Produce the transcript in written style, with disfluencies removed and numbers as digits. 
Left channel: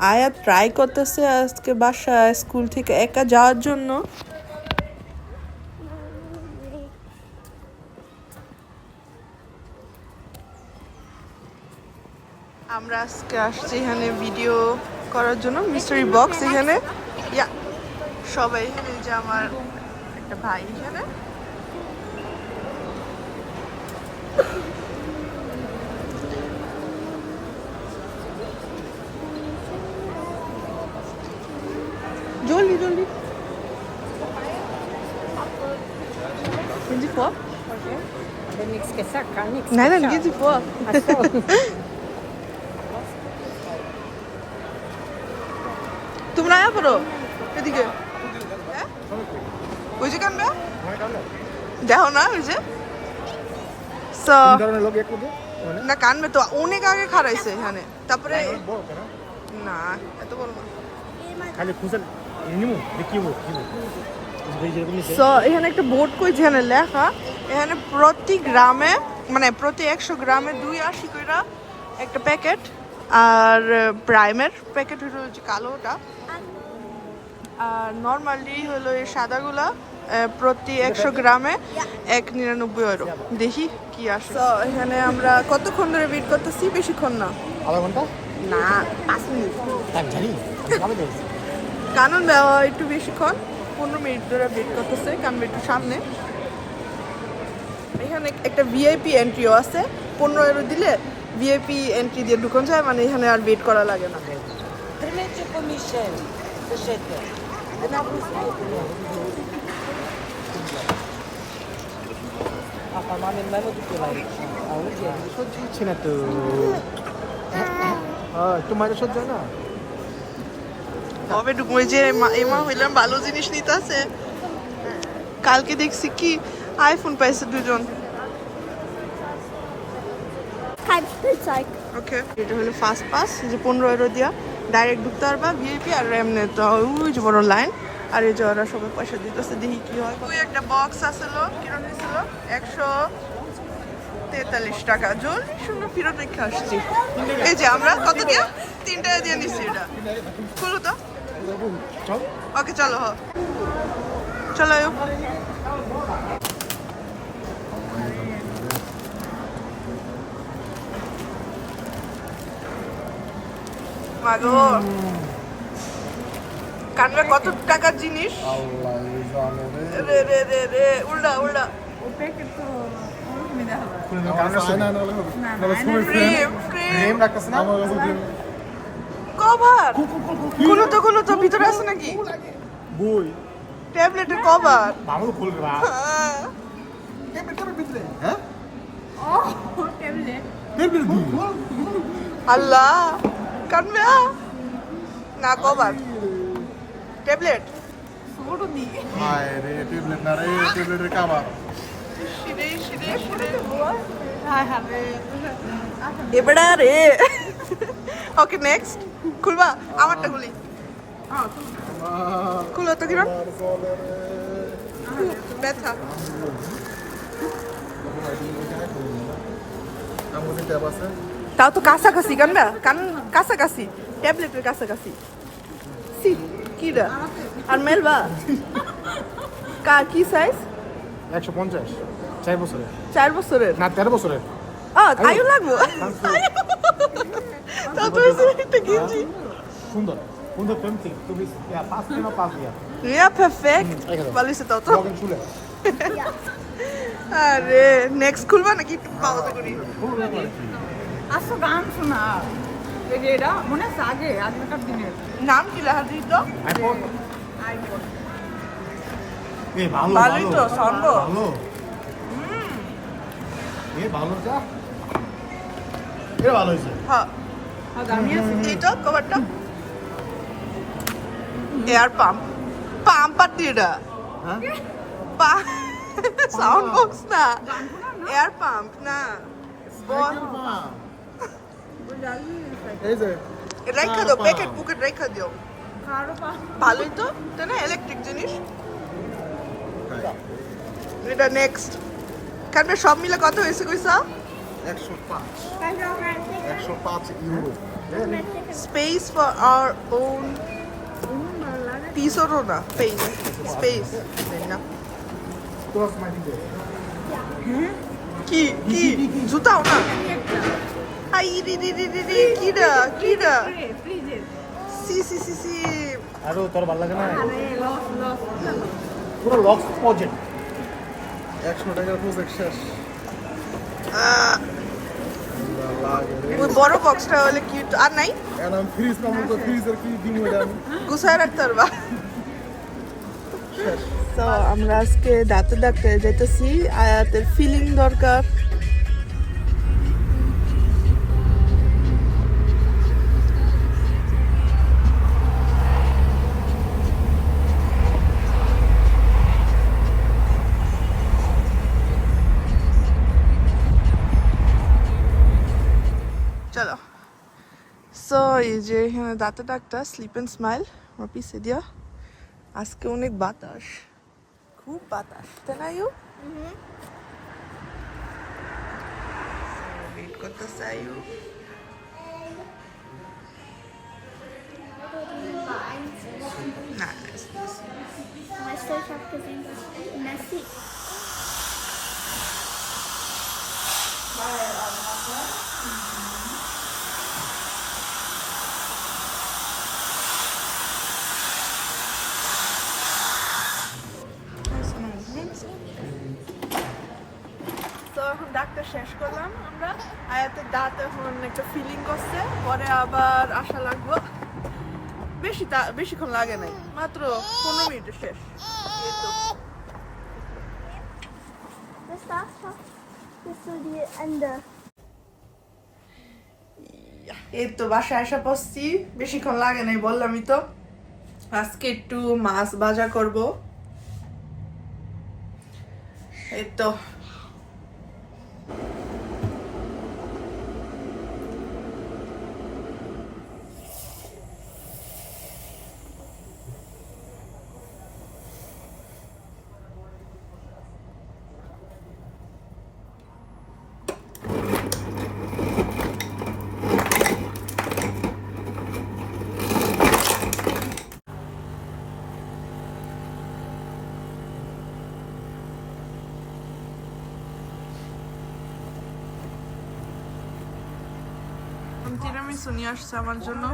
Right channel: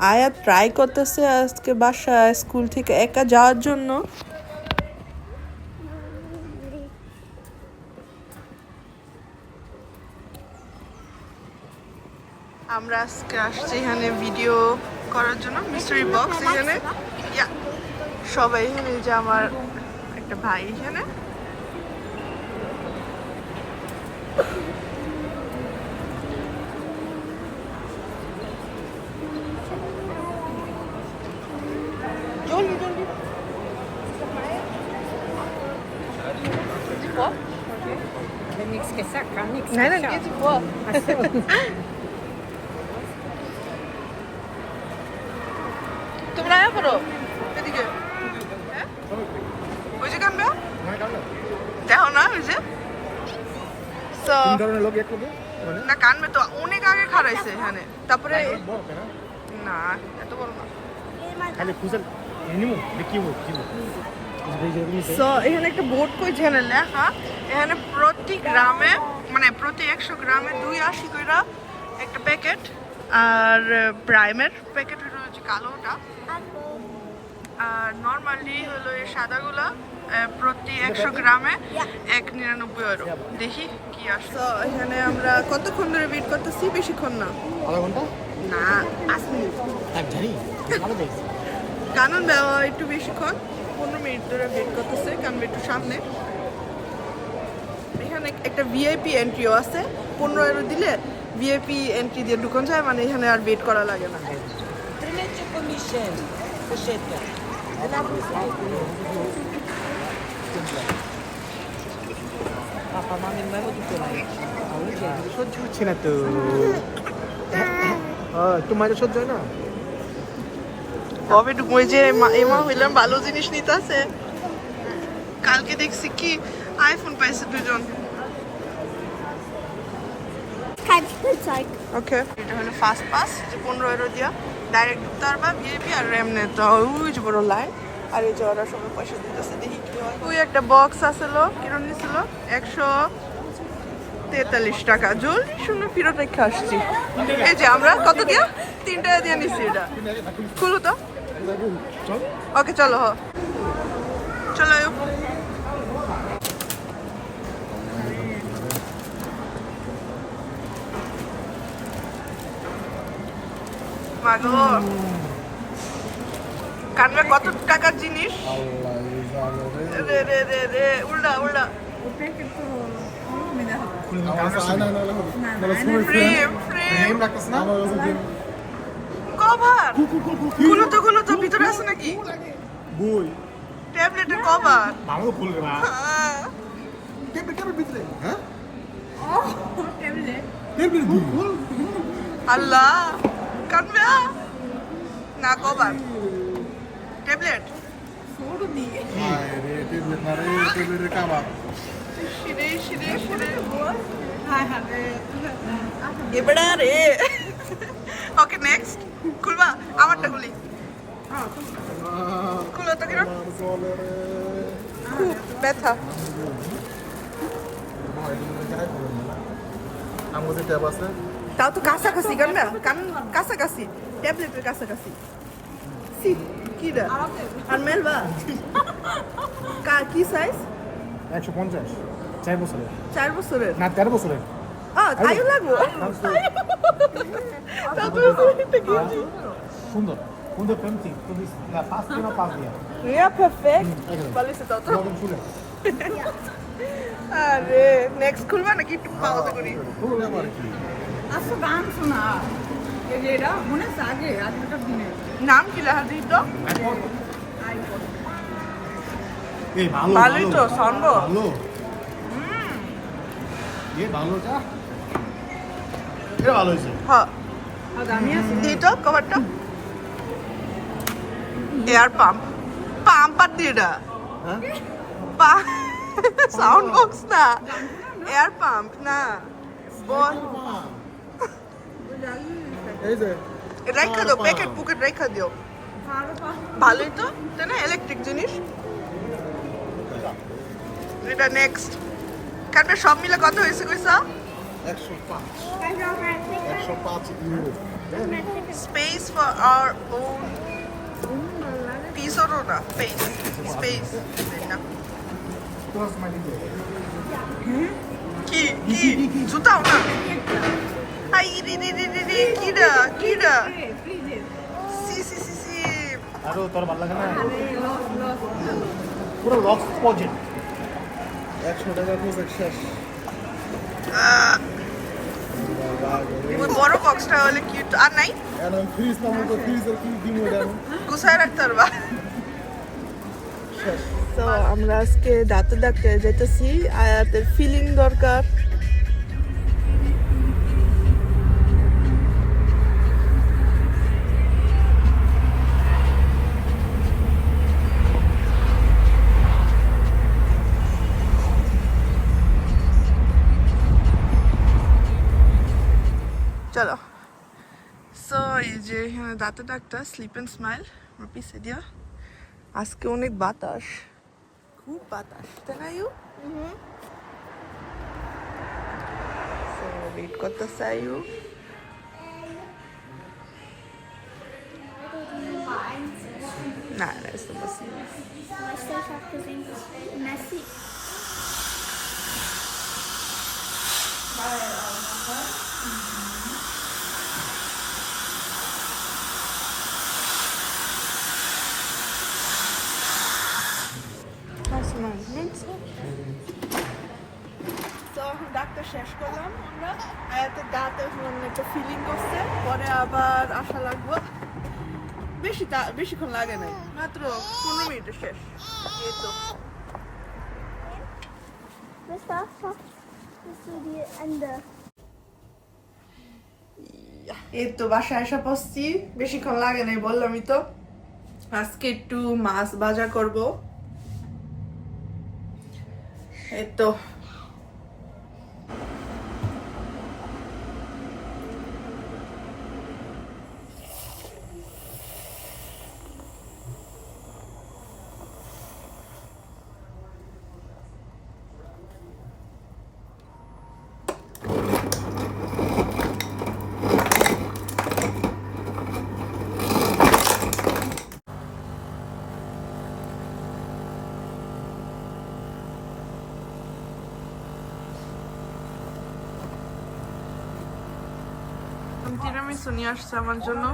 আয়া ট্রাই করতেছে আজকে বাসা স্কুল থেকে একা যাওয়ার জন্য। আমরা আজকে আসছি এখানে ভিডিও করার জন্য মিস্ট্রি বক্স এখানে। ইয়া সবাই এখানে, যে আমার একটা ভাই এখানে। তোমরা এদিকে ওই যে কানবে দেখো না, ওই যে না কানবে তো অনেক আগে খারাইছে এখানে। তারপরে না এত বড় না। So, এখানে একটা বোর্ড কইছে এখানে লেখা, এখানে প্রতি গ্রামে মানে প্রতি 100 গ্রামে 2.80 কইরা একটা প্যাকেট। আর প্রাইমের প্যাকেট হলো কালোটা, আর নর্মালি হলো এই সাদাগুলা প্রতি 100 গ্রামে 1.99 ইউরো। দেখি কি আসে। তো এখানে আমরা কতক্ষণ ধরে ওয়েট করতেছি? বেশিক্ষণ না, আধা ঘন্টা না 5 মিনিট। জানি কারণ দেওয়া একটু বেশিক্ষণ, 15 মিনিট ধরে ওয়েট করতেছে কারণ একটু সামনে। এখানে একটা ভিআইপি এন্ট্রিও আছে, 15 ইউরো দিলে ভিআইপি এন্ট্রি দিয়ে ঢুকন যায়, মানে এখানে আর ওয়েট করা লাগে না। সহ্য হচ্ছে না তো, তোমার সহ্য হয় না। কবে ঢুকবো? যে এমা হইলাম ভালো জিনিস নিতে আছে। কালকে দেখছি কি আইফোন পাইছে দুজন। ওকে, এটা হলো ফার্স্ট পাস, যে 15 ইউরো দিয়া ডাইরেক্ট ঢুকতে পারবা ভিআইপি। আর এমনি তো ওই যে বড় লাইন। আর এই যে ওরা সব পাশে দিতেছে, দেখি ওই একটা বক্স আসলো, কিরম নিছিল 143 টাকা। জলদি শুনে ফেরত রেখে আসছি। এই যে আমরা কত দিয়া 3 টাকা দিয়ে নিচ্ছি। এটা খুলো তো। ওকে চলো, চলো। মাগো কানরা কত টাকার জিনিস? রে রে রে রে উল্টা উল্টা। কভার গুলো তো ভিতরে আছে নাকি? বই ট্যাবলেটের কভার। আল্লাহ কানবে না, কভার ট্যাবলেট। এবারে রে। ওকে নেক্সট খুলবা? আমারটা খুলি। খুলো তো। কিরম ব্যথা? তাও তো কাছাকাছি কান্না, কাছাকাছি ট্যাবলেটের কাছাকাছি। কি রে আর মেলবা কি সাইজ? 150, 4 বছরের। 4 বছরের না 13 বছরের। তাইও লাগবে। সুন্দর সুন্দর পেন্সিল, তুমি পাস দিও, পাস দিয়া। ইয়া পারফেক্ট। পালিশে দাও তো। লগন শুলে আরে নেক্সট খুলবা নাকি একটু পাওয়াতে করি? আসো গান শোনা এগেরা মনে সাগে আগেকার দিনে নাম কি লেখা দিই তো? এই ভালো ভালোই তো সঙ্গ। ভালো এই ভালো চা, এটা ভালো হইছে। হ্যাঁ দামি আছে এই তো কভারটা। এয়ার পাম্প পাম্পার দিয়ে এটা হ্যাঁ সাউন্ড বক্স না, এয়ার পাম্প না। এই যে রেখা দাও, প্যাকেট পুকেট রেখা দিও। ভালোই তো, তাই না? ইলেকট্রিক জিনিস এটা। নেক্সট কারণ সব মিলে কত হয়েছে কইছা? 105 105 euro. Space for our own piece or না space না কি জুতাও না আই রি কিডা সি আরো তোর ভালো লাগে না? পুরো লক্স প্রজেক্ট 100 টাকা প্রজেক্ট শেষ। ওই বড় বক্সটা হলে কিউট আর নাই এখন ফ্রিজ নামো তো ফ্রিজের কি দিমু এটা আমি গুছায় রাখতে পারবা শেষ। তো আমরা আজকে দাঁতের ডাক্তারে যেতেছি আয়াতের ফিলিং দরকার চলো সো এই যে দাঁতের ডাক্তার স্লিপ অ্যান্ড স্মাইল আমার পিছিয়ে দিয়া আজকে অনেক বাতাস খুব বাতাস তাই না ইউ সো ওয়েট করতেছে আয়ু না না Mas você achava que eu sempre nasci? তো এখন ডাক্তার শেষ করলাম আমরা আয়াতের দাঁত এখন একটা ফিলিং করছে পরে আবার আসা লাগবো বেশিক্ষণ লাগে নাই মাত্র 15 মিনিটে শেষ Das darfst du. Das ist so die Ende. এই তো বাসায় আসা পড়ছি বেশিক্ষণ লাগে নাই বললামই তো আজকে একটু মাছ ভাজা করব এই তো তিরামিসু নিয়ে আসছে আমার জন্য